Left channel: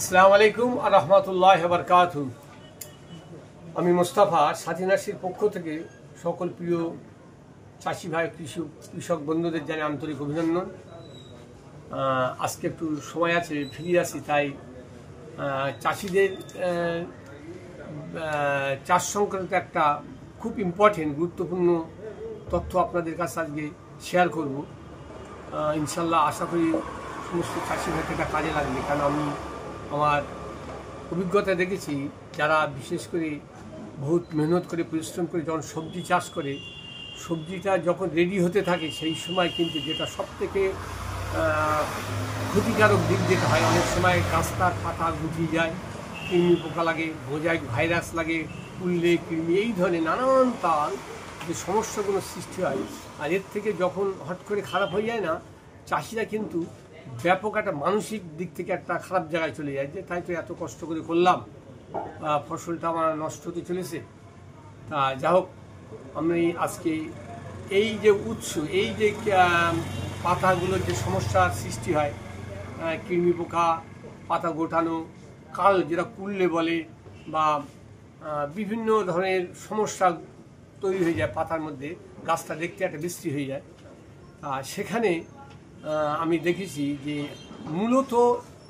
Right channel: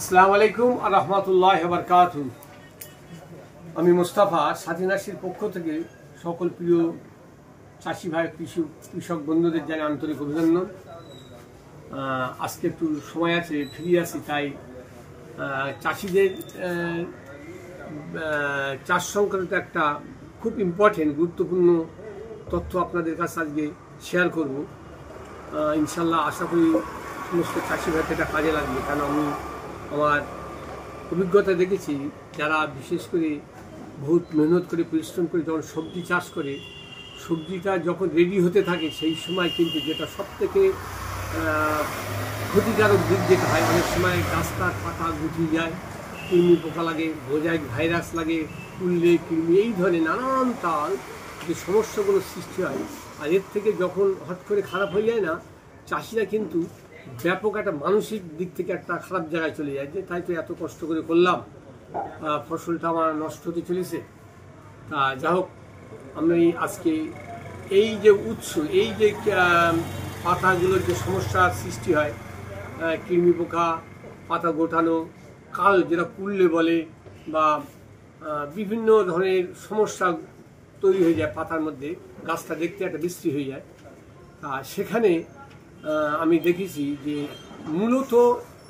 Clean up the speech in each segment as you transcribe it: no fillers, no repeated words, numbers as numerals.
আসসালামু আলাইকুম আর রাহমাতুল্লাহি ওয়া বারাকাতুহু। আমি মোস্তফা সাথী নার্সির পক্ষ থেকে সকল প্রিয় চাষি ভাই কৃষক বন্ধুদের জানাই আন্তরিক অভিনন্দন। আজকে একটু সময় আছে, ফ্রি আছি, তাই চাষিদের চাষ সংক্রান্ত একটা খুব ইম্পর্টেন্ট গুরুত্বপূর্ণ তথ্য আপনাদের কাছে আজকে শেয়ার করব। ইনশাল্লাহ আশা করি সমস্ত চাষি ভাইকে এটা কাজে লাগবে, কারণ আমি আমার অভিজ্ঞতা দেখেছি যারা বিশেষ করে বহুত মেহনত করে পরিশ্রম করে যখন সবজি চাষ করে, সবজিটা যখন রেডি হতে থাকে সেই সময় কিন্তু যেটা সবথেকে ক্ষতিকারক দিক যেটা হয়, অনেক সময় গাছটার পাতা গুটিয়ে যায়, কৃমি পোকা লাগে, মোজাইক ভাইরাস লাগে, কুললে কৃমি, এই ধরনের নানান তার যে সমস্যাগুলো সৃষ্টি হয়। আর এর থেকে যখন হট করে খারাপ হয়ে যায় না, চাষিরা কিন্তু ব্যাপক একটা মানসিক দিক থেকে একটা খারাপ জায়গায় চলে যায়, যে তাই তো এত কষ্ট করে করলাম, ফসলটা আমার নষ্ট হতে চলেছে। তা যা হোক, আমি আজকে এই যে উৎস, এই যে পাতাগুলোর যে সমস্যার সৃষ্টি হয়, কৃমি পোকা, পাতা গোটানো, কাল যেটা কুললে বলে, বা বিভিন্ন ধরনের সমস্যা তৈরি হয়ে যায় পাতার মধ্যে, গাছটা দেখতে একটা বিশ্রী হয়ে যায়। সেখানে আমি দেখেছি যে মূলত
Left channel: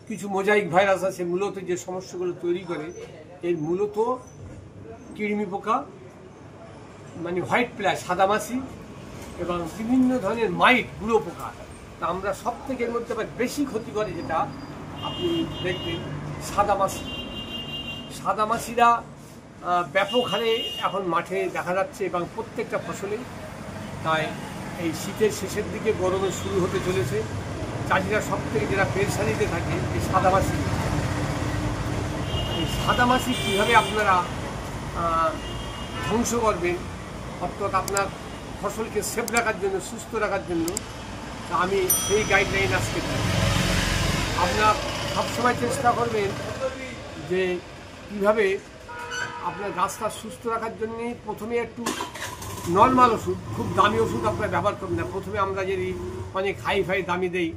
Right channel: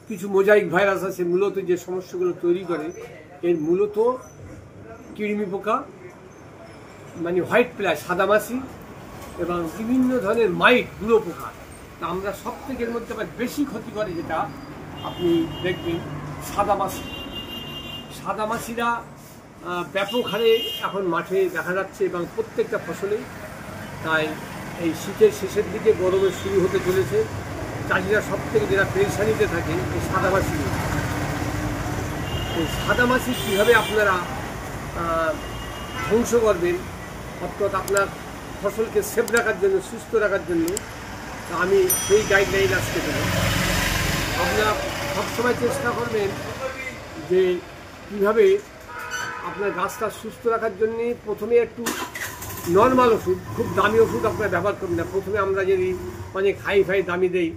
কিছু মোজাইক ভাইরাস আছে, মূলত যে সমস্যাগুলো তৈরি করে, এর মূলত কৃমি পোকা, মানে হোয়াইট প্লাই, সাদামাছি, এবং বিভিন্ন ধরনের মাইট, গুঁড়ো পোকা। তা আমরা সব থেকে এর মধ্যে বেশি ক্ষতি করে যেটা আপনি দেখবেন সাদামাছি। সাদামাছিরা ব্যাপক হারে এখন মাঠে দেখা যাচ্ছে এবং প্রত্যেকটা ফসলে। তাই এই শীতের শেষের দিকে গরমে শুরু হতে চলেছে, চাষিরা সব থেকে যেটা পেরেশানিতে থাকে এই সাদামাছি। এই সাদামাছি কীভাবে আপনারা ধ্বংস করবেন, অর্থাৎ আপনার ফসলকে সেফ রাখার জন্য, সুস্থ রাখার জন্য আমি সেই গাইডলাইন আজকে দেব। আপনারা সবসময় চেষ্টা করবেন যে কীভাবে আপনার গাছটা সুস্থ রাখার জন্যে প্রথমে একটু নর্মাল ওষুধ, খুব দামি ওষুধ আপনারা ব্যবহার করবেন না। প্রথমে আমরা যদি মানে খাই দামি দেই,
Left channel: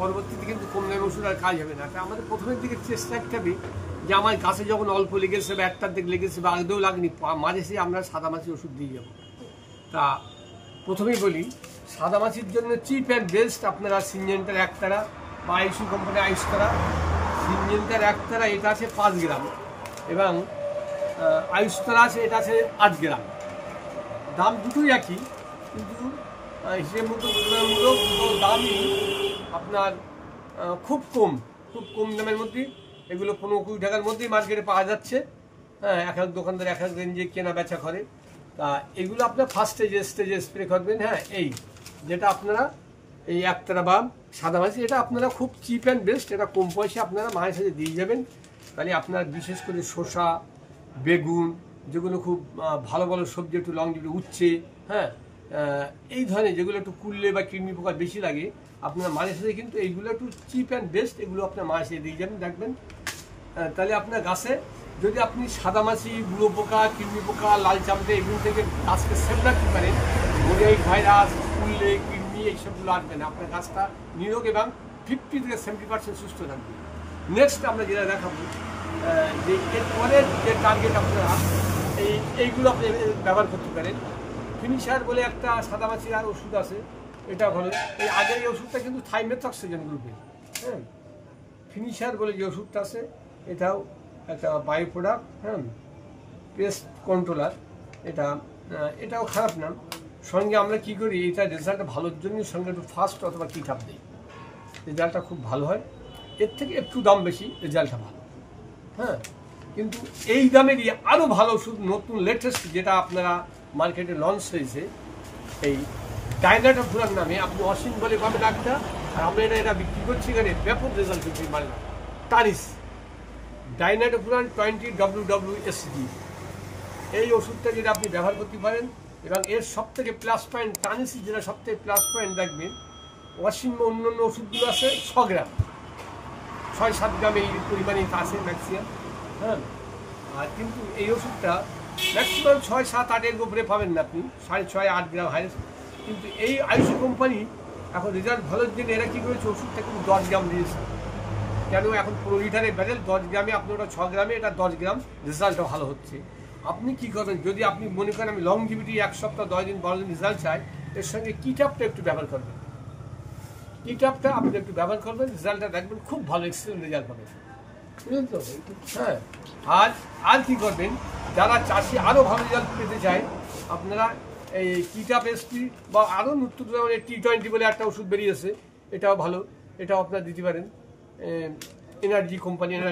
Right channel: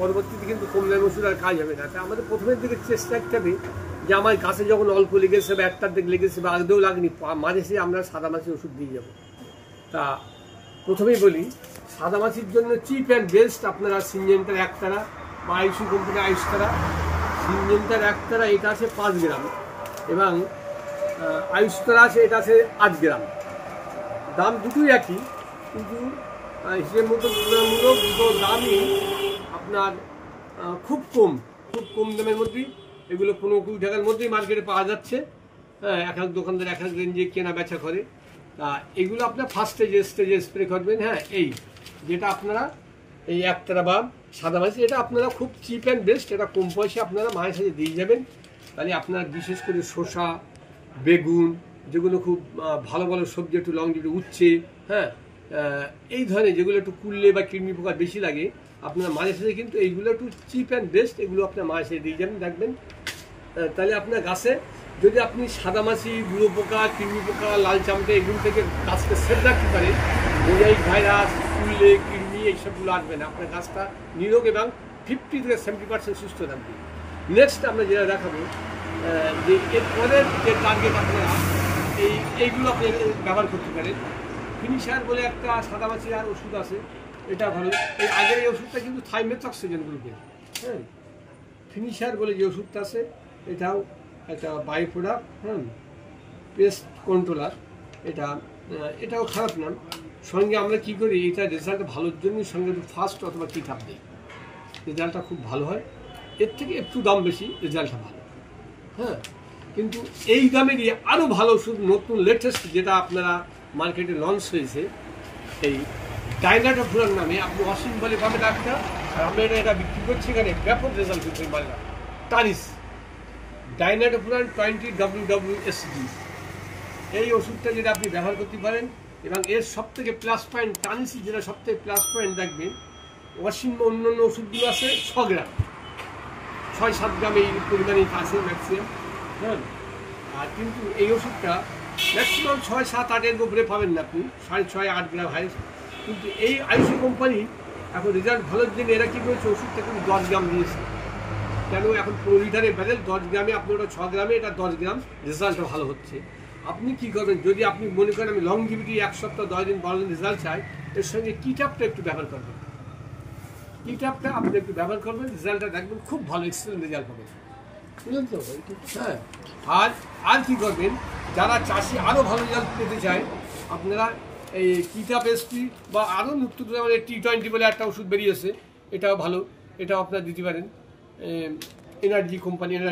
পরবর্তীতে কিন্তু কম দামি ওষুধ আর কাজ হবে না। তা আমাদের প্রথমের দিকে চেষ্টা রাখতে হবে যে আমার গাছে যখন অল্প লেগেছে বা একটার দিকে লেগেছে বা আগেও লাগেনি, মাঝে সে আমরা সাদামাছি ওষুধ দিয়ে যাব। তা প্রথমেই বলি, সাদামাছির জন্য চিপ অ্যান্ড বেস্ট আপনারা সিনজেন্টার একতারা বা আইসু কোম্পানি আইসতারা, সিনজেন্টার একতারা এটা আছে 5 গ্রাম, এবং আয়ুষ্তারা আছে এটা আছে 8 গ্রাম। দাম দুটোই একই, কিন্তু হিসেব মতো তুলনামূলক দুটো দামই আপনার খুব কম দামের মধ্যেই। এগুলো 15-20 টাকার মধ্যেই মার্কেটে পাওয়া যাচ্ছে। হ্যাঁ, এক এক দোকানদার এক এক রেঞ্জে কেনা বেচা করে। তা এগুলো আপনার ফার্স্ট স্টেজে স্প্রে করবেন। হ্যাঁ, এই যেটা আপনারা এই একতারা বা সাদামাছি, এটা আপনারা খুব চিপ অ্যান্ড বেস্ট, এটা কম পয়সা আপনারা মায়ের সাথে দিয়ে যাবেন। তাহলে আপনার বিশেষ করে শসা, বেগুন, যেগুলো খুব ভালো সবজি, একটু লং যেটা উচ্ছে, হ্যাঁ, এই ধরনের যেগুলো একটু কুললে বা কৃমি পোকা বেশি লাগে, আপনার মাঝে সাথে কিন্তু এইগুলো একটু চিপ অ্যান্ড বেস্ট, এগুলো আপনার মাঝে সাথে দিয়ে যাবেন, দেখবেন। তাহলে আপনার গাছে যদি আপনি সাদামাছি, গুঁড়ো পোকা, কৃমি পোকা, লাল চামড়া, এগুলো থেকে গাছকে সেভ রাখতে পারেন, মোজাইক ভাইরাস, কুললে কৃমি এইসবগুলো আসবে না, আপনার গাছটা নিরোগ এবং 50 থেকে 70% সুস্থ থাকবে। নেক্সট আমরা যেটা দেখাবো যে এরপরের যে টার্গেট আপনারা এইগুলো আপনি ব্যবহার করতে পারেন। ফিনিশার বলে একটা সাদামাছির আর ওষুধ আছে, এটা ভালো। এই আগের এই ওষুধটা কিন্তু থাইমেথক্সিজেন গ্রুপের। হ্যাঁ, ফিনিশার বলে যে ওষুধটা আছে, এটাও একটা বাই প্রোডাক্ট, হ্যাঁ, পেস্ট কন্ট্রোলার। এটাও খারাপ না। সঙ্গে আমরা কি করি, এটা রেজাল্ট ভালোর জন্য সঙ্গে একটু ফাস্ট অথবা কিটআপ দিই, রেজাল্টটা খুব ভালো হয়। এর থেকে একটু দাম বেশি, রেজাল্টটা ভালো। হ্যাঁ, কিন্তু এই দামেরই আরও ভালো ওষুধ, নতুন লেটেস্ট যেটা আপনারা মার্কেটে লঞ্চ হয়েছে, এই ডাইনাটোফুরান নামে, আপনি অসীম বলে পাবেন একটা, আর আমরা এটা বিক্রি করছি এখানে, ব্যাপক রেজাল্ট হচ্ছে মালটা। টানিস ডাইনাটোফুরান 20 WWSG, এই ওষুধটা যেটা আপনি ব্যবহার করতে পারেন। এবং এর সব থেকে প্লাস পয়েন্ট, টানিসি যেটা সব থেকে প্লাস পয়েন্ট দেখবেন, অসীম অন্যান্য ওষুধগুলো আছে 6 গ্রাম, 6-7 গ্রাম এই পরিমাণে আছে ম্যাক্সিমাম। হ্যাঁ, আর কিন্তু এই ওষুধটা ম্যাক্সিমাম 6-7-8 উপরে পাবেন না আপনি, 6.5-8 গ্রাম হাইস্ট। কিন্তু এই আইসি কোম্পানি এখন রেজাল্ট ভালোর জন্য এরা কী করেছে, ওষুধটা কিন্তু 10 গ্রাম দিয়েছে। কেন এখন 15 লিটারের ব্যারেল 10 গ্রামে আপনি ওটা 6 গ্রামে, এটা 10 গ্রাম, রেজাল্টটা ভালো হচ্ছে। আপনি কি করবেন, যদি আপনি মনে করেন আমি লংজিভিটি 1 সপ্তাহ 10 দিন 12 দিন রেজাল্ট চাই, এর সঙ্গে কিটাপটা একটু ব্যবহার করবেন। কিটাপটা আপনি একটু ব্যবহার করবেন, রেজাল্টটা দেখবেন খুব ভালো, এক্সেলেন্ট রেজাল্ট পাবেন, বুঝলেন তো? হ্যাঁ, আর কি করবেন, যারা চাষি আরও ভালো রেজাল্ট পেতে চায়, আপনারা এই কিটাপ এসপি বা আরও নতুন T20 বলে একটা ওষুধ বেরিয়েছে, এটাও ভালো, এটাও আপনারা দিতে পারেন। এনার্জিক কোম্পানির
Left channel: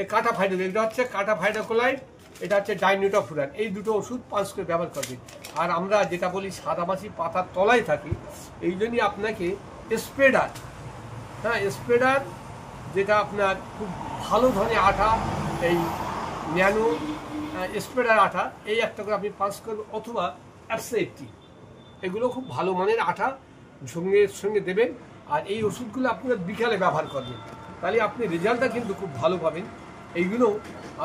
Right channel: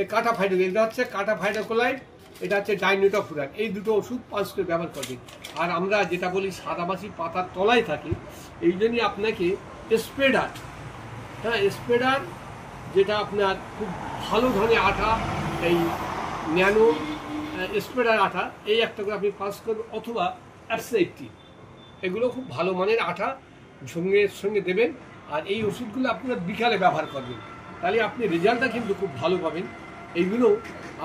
এই কাটা ফাইডো, এটা হচ্ছে কাটা ফাইডোকোলাইড, এটা হচ্ছে ডাইনিটোফুরান, এই দুটো ওষুধ 5 করে ব্যবহার করবেন। আর আমরা যেটা বলি সাদামাছি পাতার তলায় থাকি, এই জন্যই আপনাকে স্প্রেডার, হ্যাঁ স্প্রেডার, যেটা আপনার খুব ভালো ধরনের আঠা, এই ন্যানো স্প্রেডার আঠা, এই একটা করে আপনি 5 করবেন, অথবা অ্যাপসা80, এগুলো খুব ভালো মানের আঠা সঙ্গে দেবেন। আর এই ওষুধগুলো আপনারা বিকালে ব্যবহার করবেন, তাহলে আপনি রেজাল্টটা কিন্তু খুব ভালো পাবেন। এইগুলো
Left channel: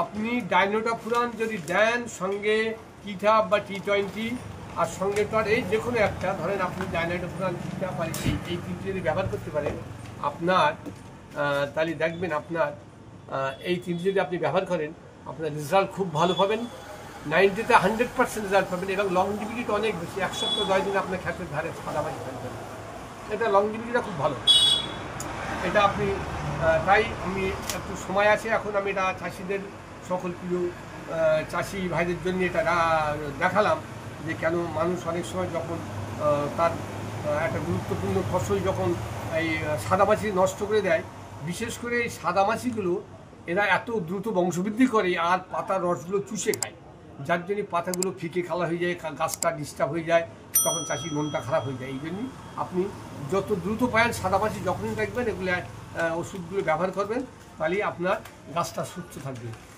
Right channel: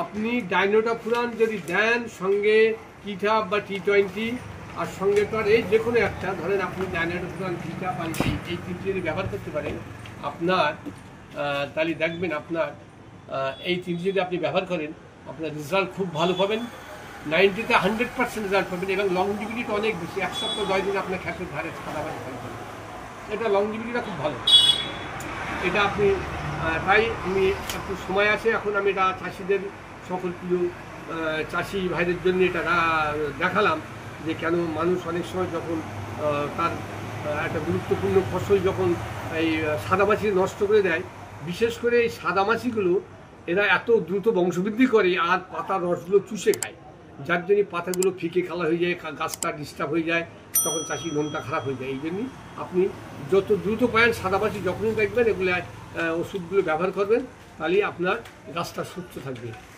আপনি ডাইনোটোফুরান যদি দেন, সঙ্গে কিটাপ বা T20, আর সঙ্গে তো আর এই যে কোনো একটা, ধরেন আপনি ডাইনোটোফুরান, কিটাপ আর এই তিনটি যদি ব্যবহার করতে পারেন, আপনার তাহলে দেখবেন আপনার এই তিনটি যদি আপনি ব্যবহার করেন, আপনার রেজাল্ট খুব ভালো পাবেন, 90-তে 100% রেজাল্ট পাবেন। এবং লংজিভিটিটা অনেক বেশি, 1 সপ্তাহ 10 দিন আপনার ক্ষেতের ধারে সাদামাছি থাকবেন, এটা লংজিভিটিটা খুব ভালো। এটা আপনি তাই আমি একটু সময় আছে এখন, আমি এটা চাষিদের সকল প্রিয় চাষি ভাইদের জন্য এটা দেখালাম, যে কেন মানুষ অনেক সময় যখন তার একটা গুরুত্বপূর্ণ ফসল যখন এই সাদামাছি নষ্ট করে দেয়, বিশেষ করে এই সাদামাছিগুলো এরা এত দ্রুত বংশবৃদ্ধি করে আর পাতার রসগুলো চুষে খায়, যার জন্য পাতাগুলো ফিকে কালা হয়ে যায়, গাছটা ডিস্টার্ব হয়ে যায়, তখন চাষির মনটা খারাপ হয়ে যায়। এই জন্যই আপনি যত দ্রুত পারেন সাদামাছি যখনই দেখবেন, এগুলো ওষুধগুলো ব্যবহার করবেন, তাহলে আপনার গাছটা সুস্থ থাকবে।